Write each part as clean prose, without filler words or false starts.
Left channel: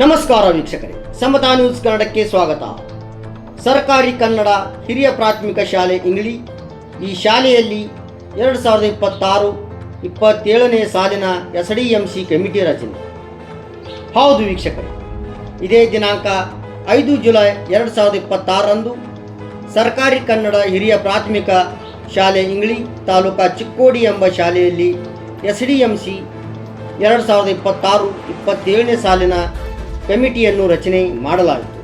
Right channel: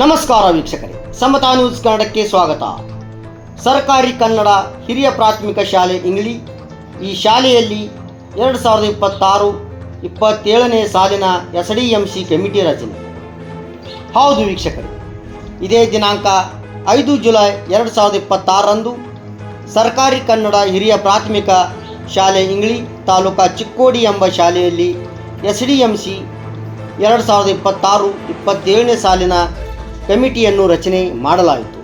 ನಮಸ್ಕಾರ ವೀಕ್ಷಕರೇ, ಸಮತಾ ನ್ಯೂಸ್ ಕನ್ನಡಕ್ಕೆ ಸ್ವಾಗತ. ಸರ್ಕಾರಿ ಕನ್ನಡ ಹಿರಿಯ ಪ್ರಾಥಮಿಕ ಶಾಲೆ ಇಂಗ್ಳಿ. ಈ ಶಾಲೆಯಲ್ಲಿ 2026-27ನೇ ಸಾಲಿನ SDMC ಕಮಿಟಿ ರಚನೆ. ಹೌದು ವೀಕ್ಷಕರೇ, ಇದೇ ದಿನಾಂಕ 5 ಜುಲೈ 2026ರಂದು ಸರ್ಕಾರಿ ಕನ್ನಡ ಹಿರಿಯ ಪ್ರಾಥಮಿಕ ಶಾಲೆ ಇಂಗ್ಳಿ ತಾಲೂಕಾ ಚಿಕ್ಕೋಡಿ ಎಂಬ ಶಾಲೆಯಲ್ಲಿ SDMC 2026-27ನೇ ಸಾಲಿನ ಕಮಿಟಿಯನ್ನು ರಚನೆ ಮಾಡಲಾಯಿತು.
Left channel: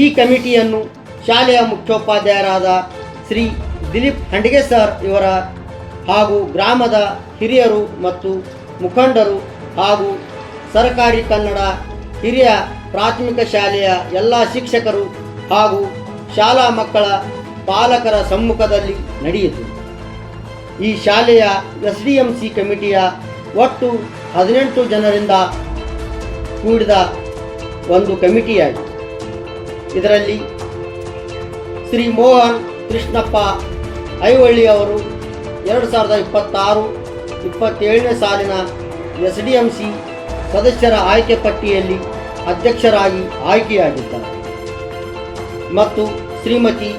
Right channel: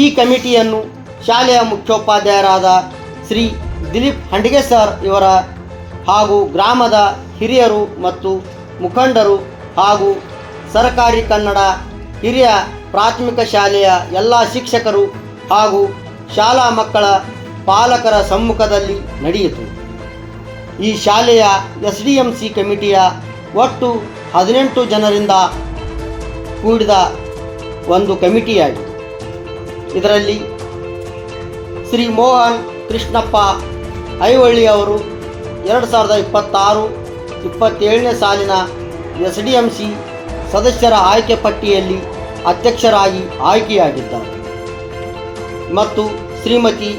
ಈ ಕಮಿಟಿಯನ್ನು ಶಾಲೆಯ ಮುಖ್ಯೋಪಾಧ್ಯಾಯರಾದ ಶ್ರೀ ದಿಲೀಪ್ ಹಂಡಿಗೆ ಸರ್ ಇವರ ಹಾಗೂ ಗ್ರಾಮದ ಹಿರಿಯರು ಮತ್ತು ಮುಖಂಡರು ಹಾಗೂ ಸರ್ಕಾರಿ ಕನ್ನಡ ಹಿರಿಯ ಪ್ರಾಥಮಿಕ ಶಾಲೆಯ ಎಲ್ಲ ಶಿಕ್ಷಕರು ಹಾಗೂ ಶಾಲಾ ಮಕ್ಕಳ ಪಾಲಕರ ಸಮ್ಮುಖದಲ್ಲಿ ನಡೆಯಿತು. ಈ ಶಾಲೆಯ SDMC ಕಮಿಟಿಯ ಒಟ್ಟು 18 ಜನರಿಂದ ಕೂಡಿದ ಒಂದು ಕಮಿಟಿಯಾಗಿದೆ. ಇದರಲ್ಲಿ ಶ್ರೀ ಮೋಹನ್ ಕೃಷ್ಣಪ್ಪ ಐವಳ್ಳಿ ಅವರು 2026-27ನೇ ಸಾಲಿನ SDMC ಸದಸ್ಯರ ಆಯ್ಕೆ ಪಟ್ಟಿಯಲ್ಲಿ ಅಧ್ಯಕ್ಷರಾಗಿ ಆಯ್ಕೆಯಾಗಿದ್ದಾರೆ ಮತ್ತು ಶ್ರೀಮತಿ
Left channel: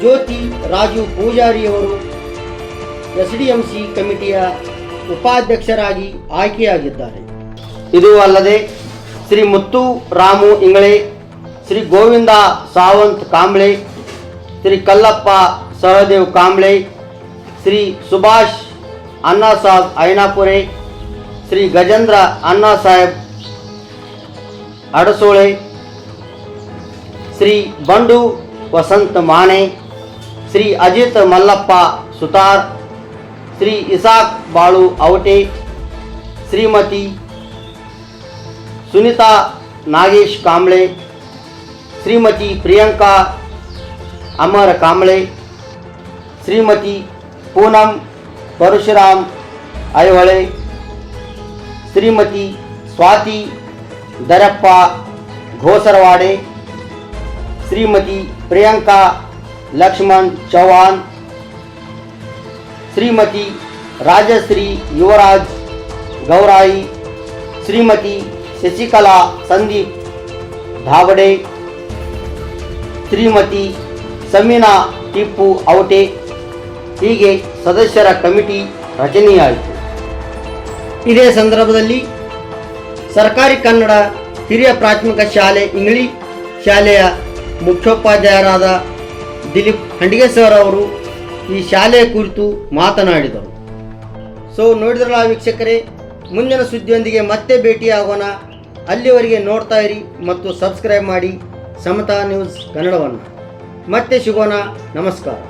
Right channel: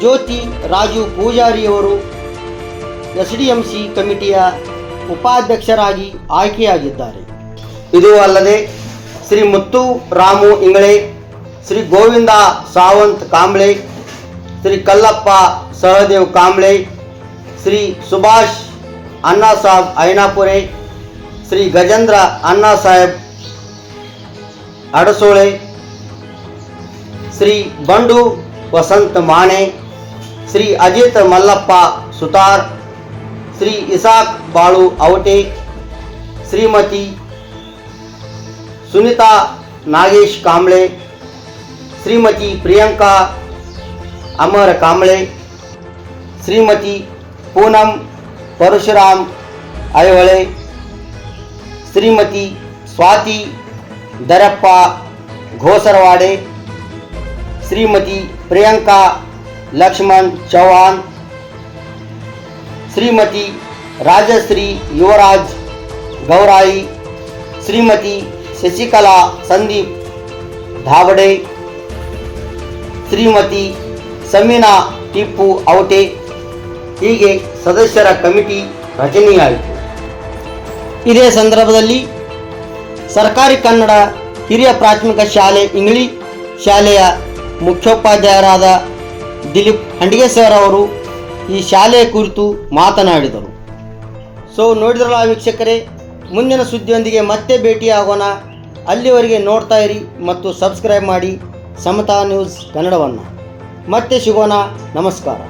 ಜ್ಯೋತಿ ರಾಜು ಪೂಜಾರಿಯವರು SDMC ಕಮಿಟಿಯ ಉಪಾಧ್ಯಕ್ಷರಾಗಿ ಆಯ್ಕೆಯಾಗಿದ್ದಾರೆ. ಇದು ಅಲ್ಲದೆ ಶ್ರೀ ಮುತ್ತು ರಾಮು ಇಂಗಳೆ, ಶ್ರೀ ಗೋವಿಂದ ಸಾವಂತ್ ಕಾಂಬ್ಳೆ, ಶ್ರೀ ಕಲ್ಲಪ್ಪ ಸಹದೇವ್ ಕಾಂಬ್ಳೆ, ಶ್ರೀ ಸುಭಾಷ್ ಅಣ್ಣಾ ಸಾಹೇಬ್ ಐನಾಪುರೆ, ಶ್ರೀ ಗಜೇಂದ್ರ ಅಣ್ಣಾ ಸಾಹೇಬ್ ಅಡಸೋಳೆ, ಶ್ರೀ ಬಂಡು ವಸಂತ್ ಮಾನೆ, ಶ್ರೀ ಅಜಿತ್ ಮಲ್ಲಪ್ಪ ಸುತಾರ್, ಶ್ರೀ ಇಸಾಕ್ ಬಾಳು ಅವಟೆ, ಶ್ರೀಮತಿ ಸುನಿತಾ ನಾಗೇಶ್ ಕಾಂಬ್ಳೆ, ಶ್ರೀಮತಿ ಪ್ರಿಯಾಂಕಾ ಅಮರ್ ಕಾಂಬ್ಳೆ, ಶ್ರೀಮತಿ ಪೂನಂ ಪರಶುರಾಮ್ ಐಹೊಳೆ, ಶ್ರೀಮತಿ ಸ್ವಾತಿ ದರಪ್ಪ ಘೋಸರವಾಡೆ, ಶ್ರೀಮತಿ ಪ್ರಿಯಾಂಕಾ ಲಕ್ಷ್ಮಣ್ ಚೌಹಾನ್, ಶ್ರೀಮತಿ ರಾಜಶ್ರೀ ಯುವರಾಜ್ ಗೌರಾಯಿ, ಶ್ರೀಮತಿ ಶಶಿಕಲಾ ಸಂದೀಪ್ ಧಾವಡೆ, ಶ್ರೀಮತಿ ಸಮೀನಾ ಟಿಪ್ಪು ಅವಟೆ. ಹೀಗೆ ಸದಸ್ಯರ ಕಮಿಟಿ ರಚನೆಯಾಯಿತು. ಇದೇ ಸಂದರ್ಭದಲ್ಲಿ ಸರ್ಕಾರಿ ಕನ್ನಡ ಹಿರಿಯ ಪ್ರಾಥಮಿಕ ಶಾಲೆ ಇಂಗ್ಳಿ ಶಾಲೆಯ ಮುಖ್ಯೋಪಾಧ್ಯಾಯರಾದ ದಿಲೀಪ್ ಹಂಡಿಗೆ ಸರ್ ಅವರು ಈ ಶಾಲೆಯ ಕುರಿತು ಮಾತನಾಡಿದರು. ಸೊ ನೋಡಿದ್ರಲ್ಲ ವೀಕ್ಷಕರೇ, ಮುಂದಿನ ಸುದ್ದಿಯೊಂದಿಗೆ ಮತ್ತೆ ಭೇಟಿಯಾಗೋಣ. ಅಲ್ಲಿವರೆಗೆ ನೋಡ್ತಾ ಇರಿ ಮತ್ತು ಸಬ್ಸ್ಕ್ರೈಬ್ ಮಾಡಿ ಸಮತಾ ನ್ಯೂಸ್ ಕನ್ನಡವನ್ನು. ಮತ್ತೆ ಸಿಗೋಣ. ನಮಸ್ಕಾರ.